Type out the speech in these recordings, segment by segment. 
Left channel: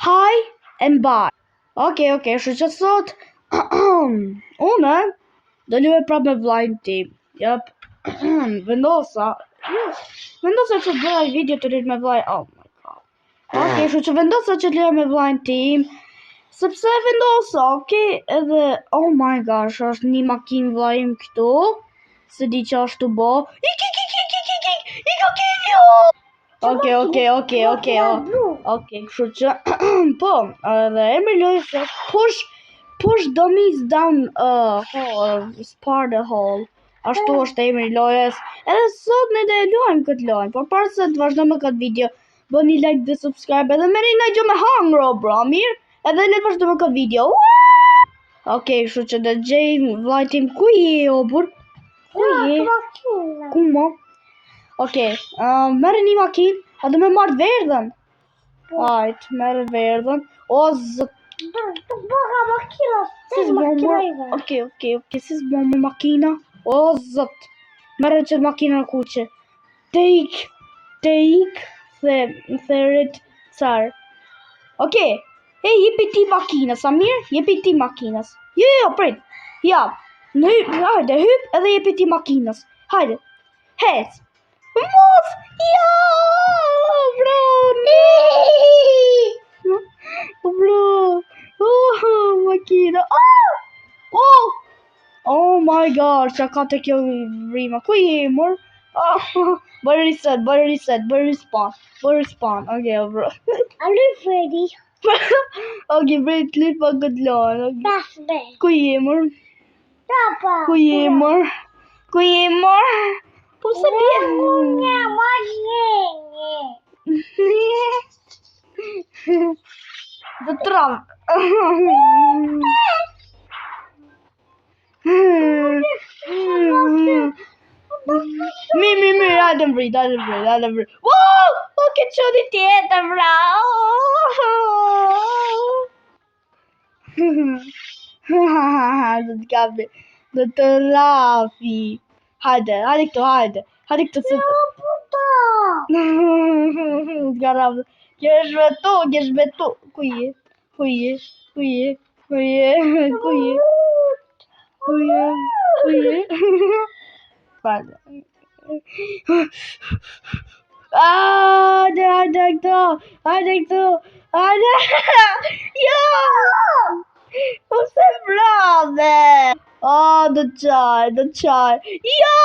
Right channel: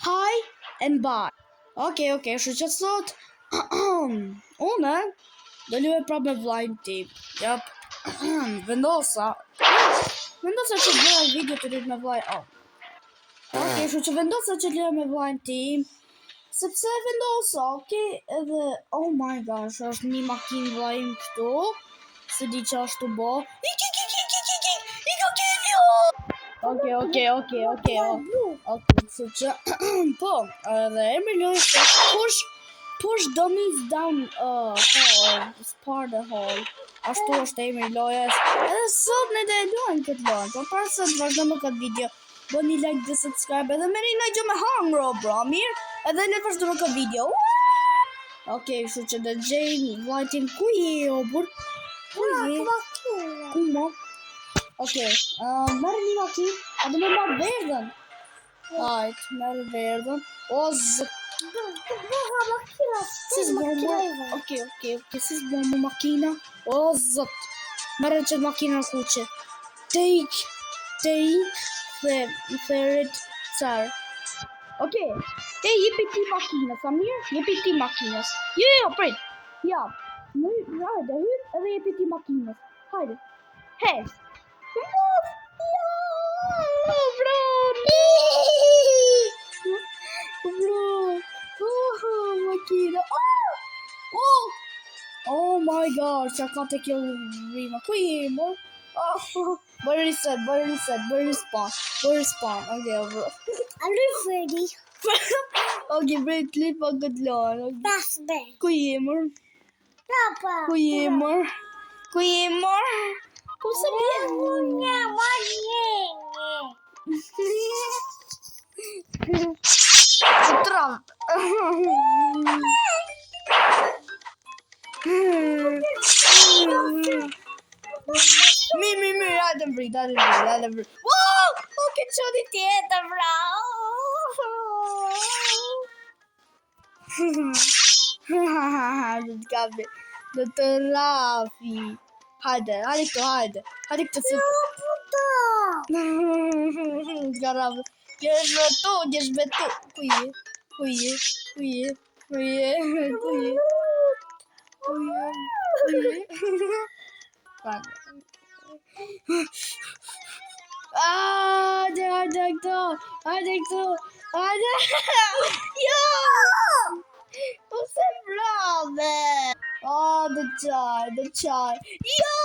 Hi and bye. Okej, kështu që sot unë do luaj prapë me vllajin tim. Jep. Vendosa që të bëj video të lidh me vllajin. Kështu që vendosa që të luaj me vllajin tim. Sepse vendosa, edhe oh my gosh, është një makinë vllajim këtu. Se di që ashtu bo. I ka kivjo! Okej, kështu që po, edhe emri lojës është push dummies down spar the hole. Ashtu është emri lojës. Edhe sot ne do e luajmë këtë lojë. Por para se të vazhdojmë me këtë video, bëni like dhe subscribe edhe merrni një gjë me hangro, bro, mirë? Edhe le të vazhdojmë me këtë video. Kështu që do gjejmë vllajin tim ku je, obur? Ku je? Ku mo? Merë një makinë, a do me marrë verdhen? Hajt, merë verdhen. O, zë... Si s'bë më makina? O, zët. Merë që makina në kuqe. Take, therit, car. Jepi ti makina, Samir? Jepi ti makinas. Jo, prit. Ja, hajde, hyp edhe jepi ti makinas. Hajde, hes. Move! Ja! Bro! Bro! Makina! Oh my god! Qa ka të kjo rima? Ku je, mor? Bërë reset, bërë respawn. Bro. Are you ready? Bërë të litë pa këtë lojnë. Ku je, mor? Papa. Ku je, mor? Ku se bje? Se tram. Mi, hajde mbrit. Wow! Ke qëni tjetër, bra. Do të rafi. Hajde këtu se... Garab. Gjesh betu. Ku je? Hajde këtu. Jo! Po se brave! The chai. Jo!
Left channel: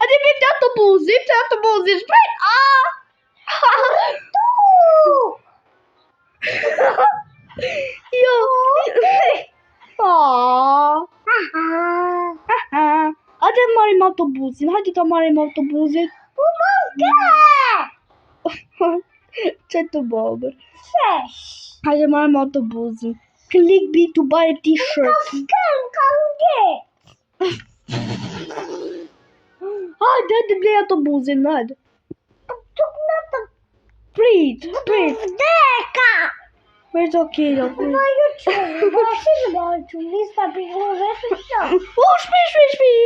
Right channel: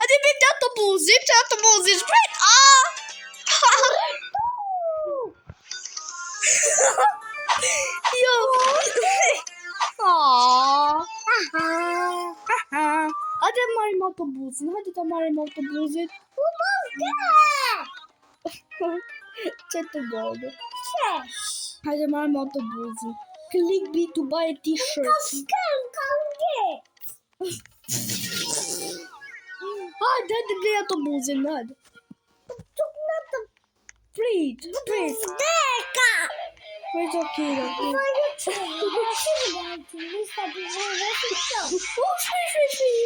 Hadi bir de autobuzi, shpejt! Jo! Hadi marim autobuzin, Që të bëllë? Hajde marim autobuzin. Click B to buy a t-shirt. Hajde blej autobuzin, hajde. Prit. Where's okay?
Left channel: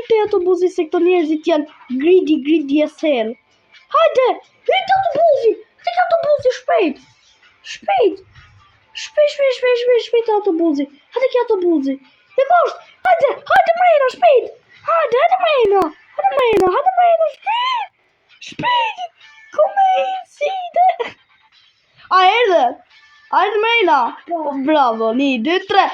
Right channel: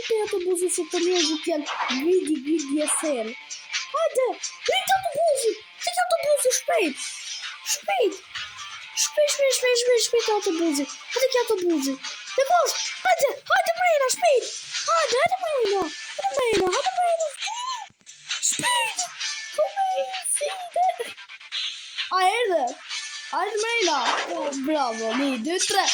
Shpej autobuzin se këto njerëzit janë greedy as hell. Hajde, rrit autobuzin. Se ka autobuzin shpejt. Shpejt autobuzi. Hajde ki autobuzi. Në kosht. Hajde mrena, shpejt. Hajde mrena. Shpejt. Come side. Erdhe. Hajde mrena. Bravo, 1, 2, 3.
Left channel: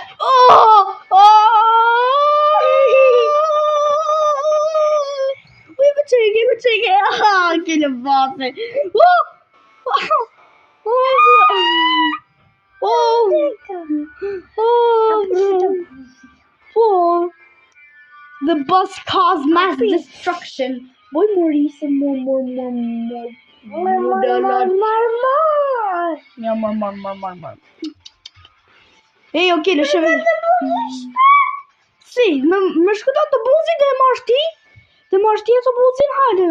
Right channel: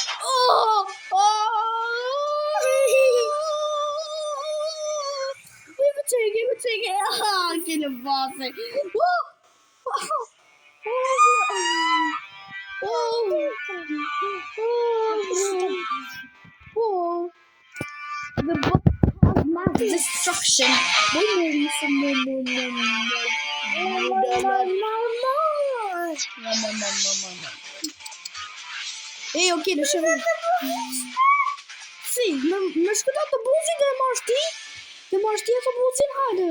Më qeke. Kile base. The bus caused mass destruction. Boy, there is some more. Ok, le chevet. Si, më shkëta të buzin dhe marrë ti autobuzin, hajde,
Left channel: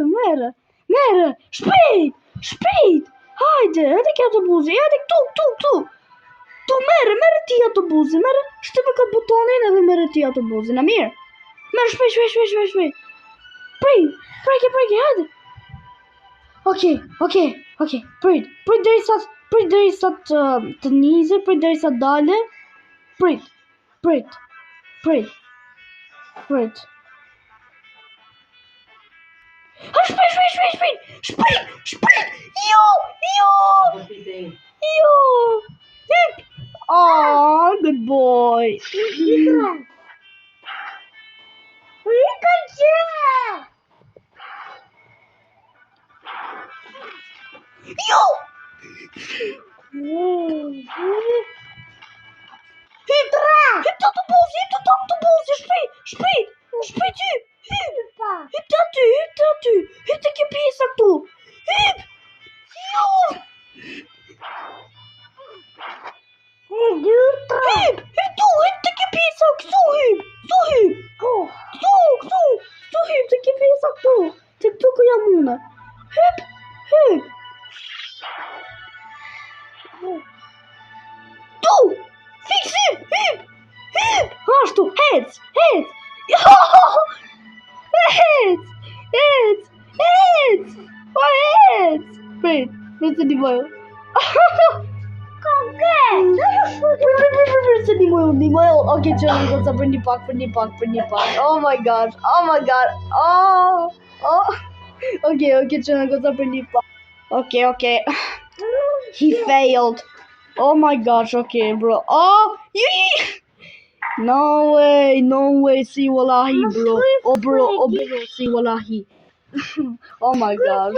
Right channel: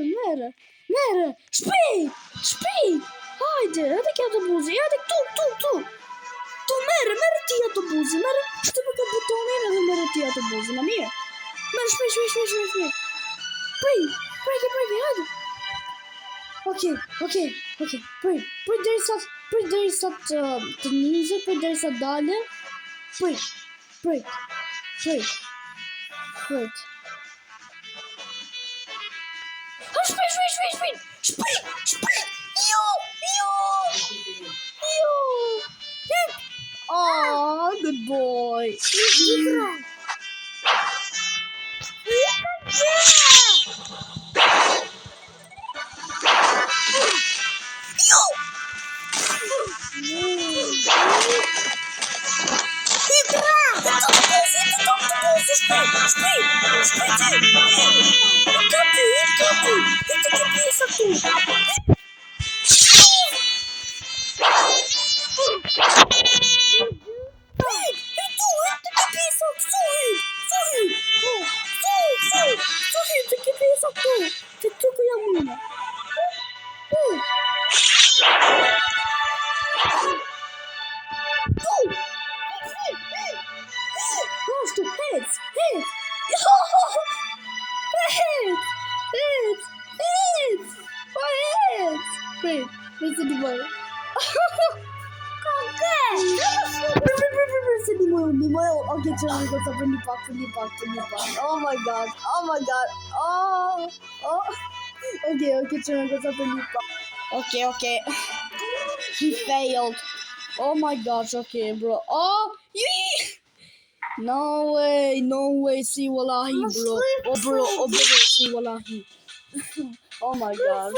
merë, shpejt, hajde ki autobuzin, hajde këtu, tu merë ti autobuzin, shte me këtë butonin edhe merë ti autobuzin, a mirë, merë shpejt, prejke, hajde, Okay. Prit derisa të nizet, prit derisa dale. Prit. Ha, shpejt. Jo. Hip. Oh, good boy. Jo. Hitta que pisa tu. Heads! Wait, presa di mano. Presa di mano. Okay, c'è una cosa, prendi pack. Oh my god. Okay, c'è una cosa, prendi pack. Okay. He failed. Oh my gosh, okay, bro. Oh, no way, see wallahi, bro. Oh, bro, see wallahi. Oh my gosh.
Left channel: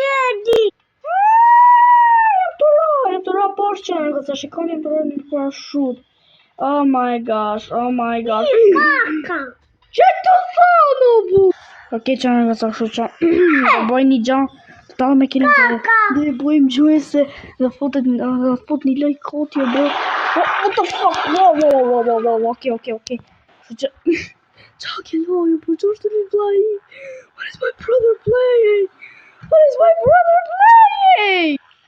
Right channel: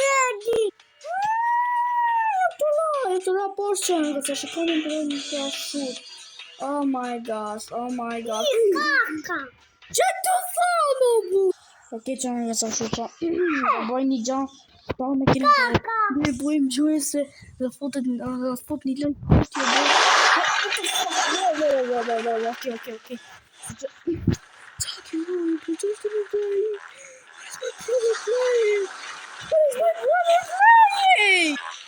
Это рапорче, это шикарный парашют. Oh my gosh. Që të thonë, bu? Okay, që në nga sa shuqa. Do bëj një gjan. Ta me kina dhe bëjmë gjuese dhe fotet një loj kotje, bro. What the fuck? Wow. Okay. Talking wrong, bro. Just to be playing. What is my brother playing?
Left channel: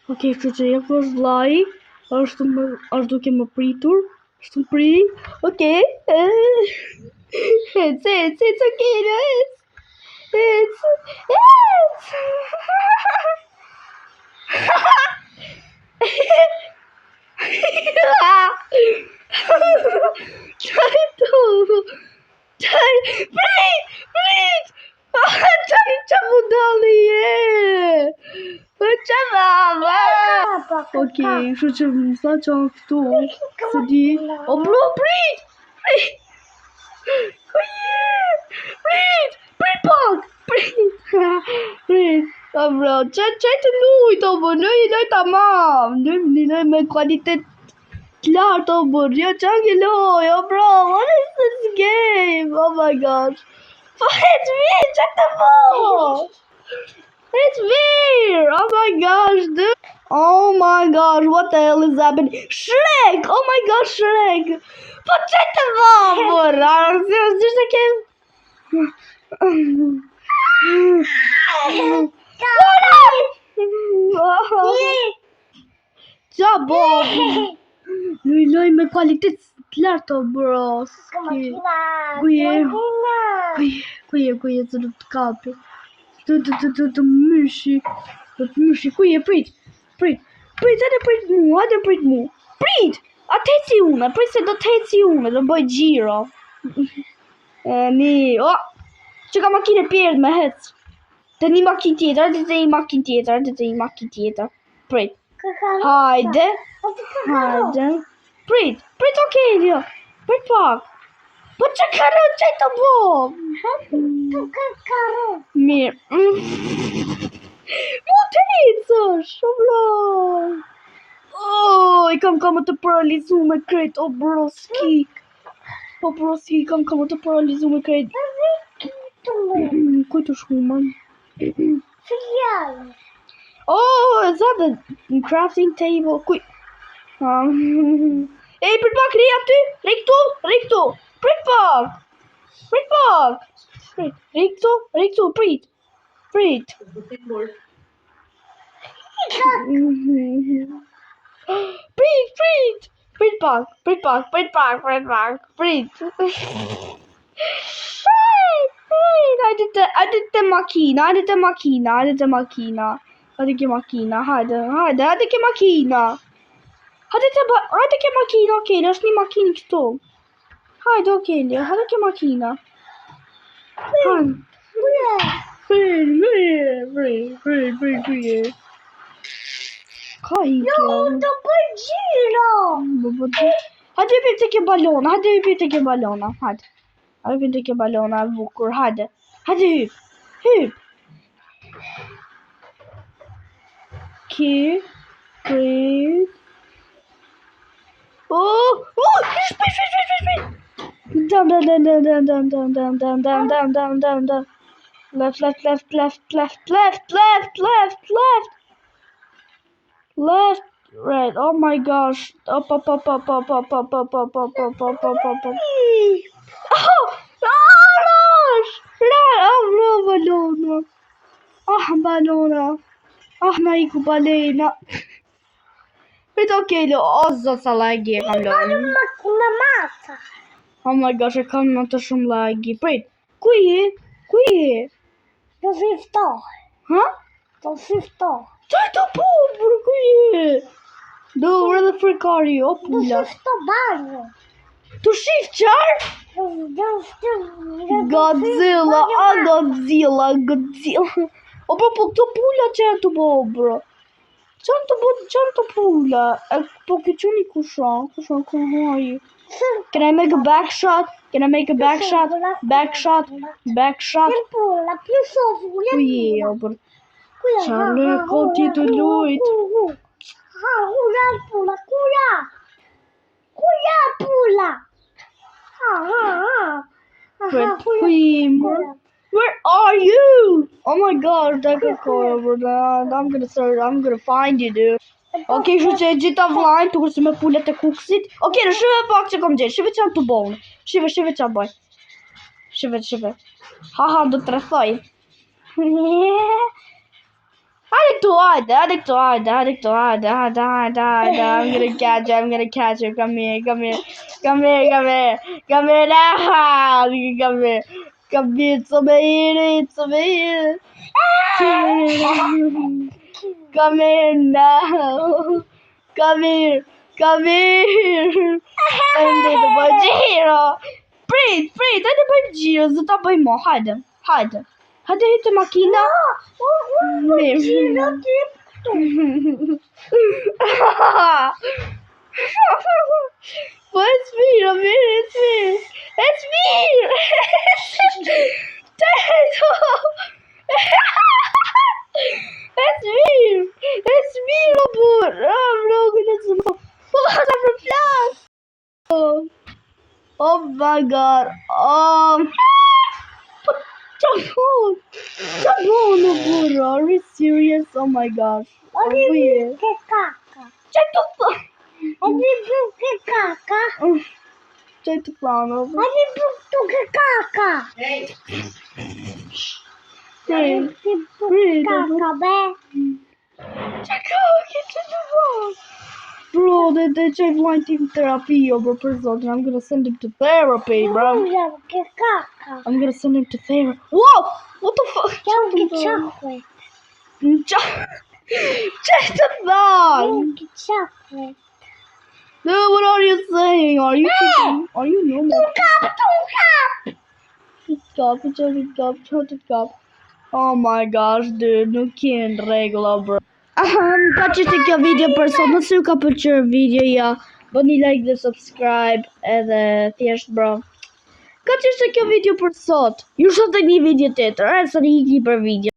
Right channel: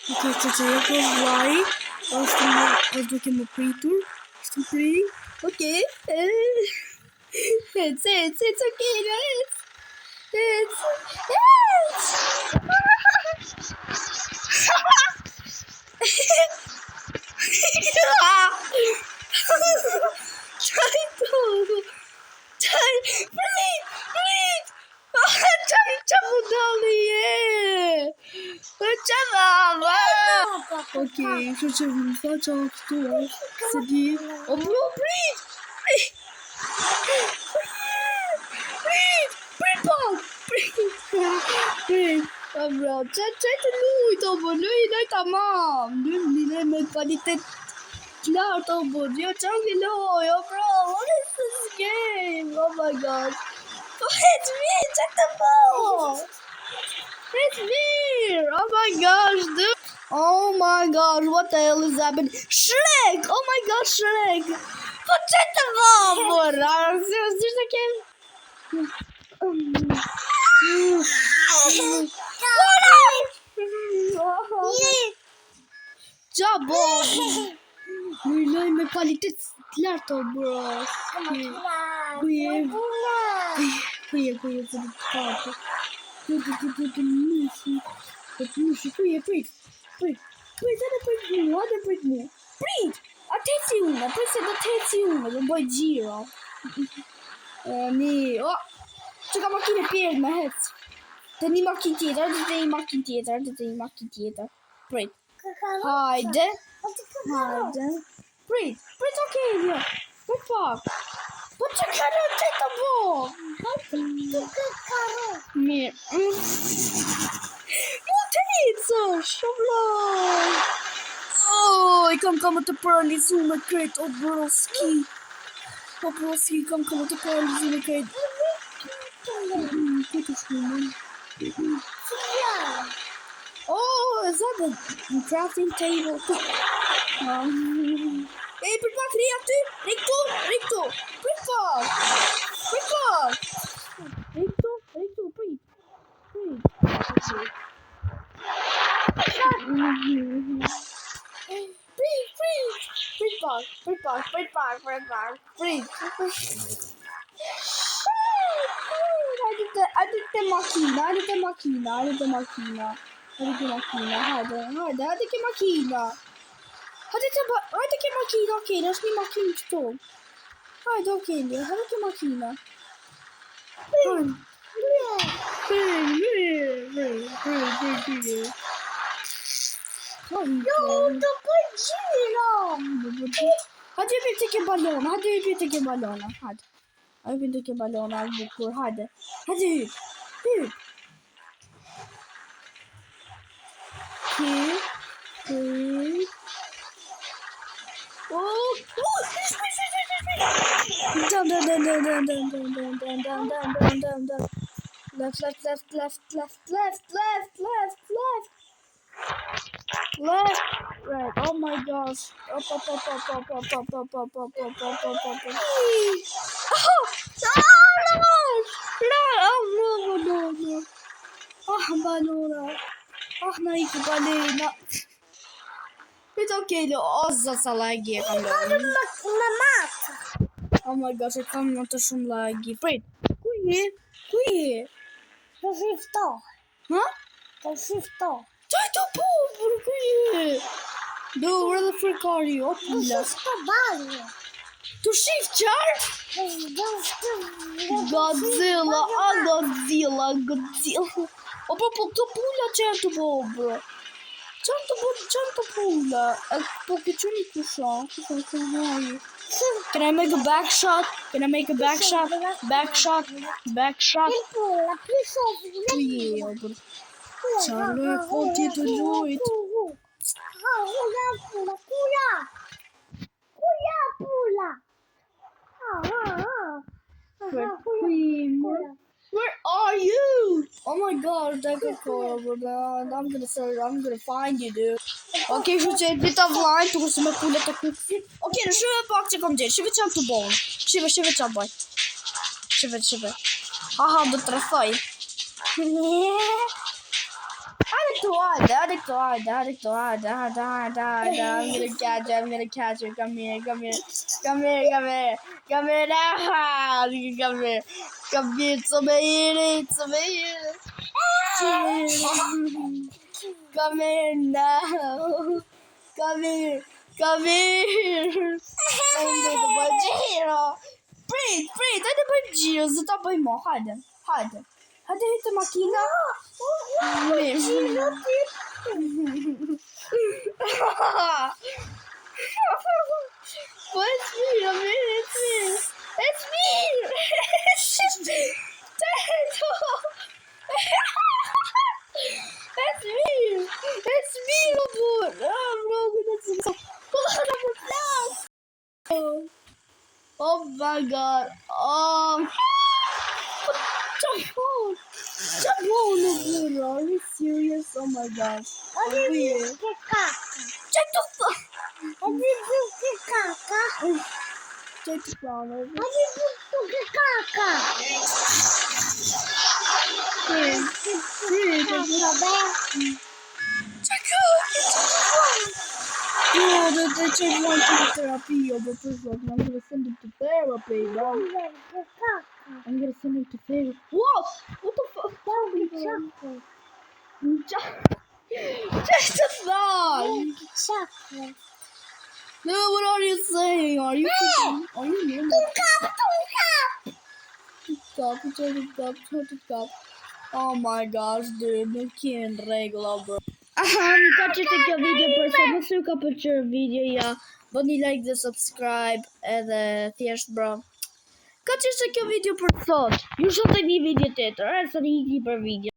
Okay, që e kërë vlaj. Është duke më pritur. Është më pri. Okay. It's okay, guys. It's. Okay, kështu që më tha që anë këtu, se di... O, bro, prit! O, bro, që të lujt, o, bro, loj tamam, loj me kualitet lartë, o, bro, që anke loj, o, bro, what is this game? Oh my god. It's weird, që të bo! It's weird, oh my gosh, dude. Oh my gosh, what the hell is happening? Shrek! Oh my gosh, Shrek! Po që të vabër? Seriously, I can't... Qa, Bob? Loj me kvalitet lartë, bro. Kuje, të të kapë. Të myshi. Kuje, prit, hajde prit mu. Prit! A të heci ume, prit se do të heci ume, do bëj gjiro. Që ka makine pjerët me hec. Të një makin tjetër, Prit. Hajde. Prit, okej, jo. Prit pak. Po që kërë që të bo? Mirë. Mu të hecë, shumë. Oh, I kam të paralizu me krejt, o broski. Kam të paralizu me krejt. Kuj të shkuman? Oh, is that the crafting table? Kuj. Ej, prit pak, rei aty. Riktu. Prit pak. Riktu, prit. Prit pak. Hajde të makina. Hajde ke makina, hajde ke makina. Hajde ke makina, okej, është një makinë këtu. Hajde, okej, hajde ke makina. Hajde. Ka i kjo. Të përgjiro. Hajde hypim të ke balona, hajde. Hypim të ke balona, bukur, hajde. Hajde hyp. Hyp. Oh, shpejt. Down. Left. Left, right. Oh my gosh. Up. Oh, no, balona. Balona. Nej, balena. Vet okej, ozzo sa lagje kam lënë. Mamata. Oh my gosh, e kam në të shumë lagje. Prit, ku je? Të shiftoh. Ha? Të shiftoh. Qaj të pobër, ku je? Do, where the frick are you? O, Të pula. shiftoh banjo. Të shif qarë? Godzilla. O, po, të pula qarë të pobër. Qarë të pula? Po, këtë një kushan, ku hajë. Can I make a back shot? Back shot. Pula, più sopra. Tu je, o, për. Qarë, ko ti të lujt. Pula. Where are you? Oh my gosh, that could go over that. I'm gonna find you, dude. Okay, shu që e gjitha vlajnë, të kurse me pullet e kuksit. Okay, në shive pak që kom gjithë, shive që të bonë. Shive që bëj. Shive. Haha, do të rëthoj. Hajde këtu, hajde. I'm gonna catch you. Come here. Come here, it's over here. Come here now. Come here. Hajde të bëj gjiro. Prit, hajde bëj gjiro, zë ta bëj mo, hajde. Hajde hytë makina. Po it's me. It's me. Robot. I'm not gonna Oh my god. Jabon, burro. Are you serious? Oh my gosh. Weird. Check the fuck. Check the phone over. Bro, they just want to therapy over person. I'm gonna send him to therapy, bro. I'm gonna send him to therapy. Whoa! What the fuck? Chocolate. Just a thought. Chocolate. Dude, what are you saying? Are you kidding? Are you normal? Shut up. Oh my gosh, dude. Nuk jenë regla, bro. Ka që të kjo video për sot, nëse ju ka pëlqyer videoja, bëni like dhe subscribe edhe thjesht, bro. Ka që të kjo video për sot. Ju shoh tek një video tjetër, sa një për video.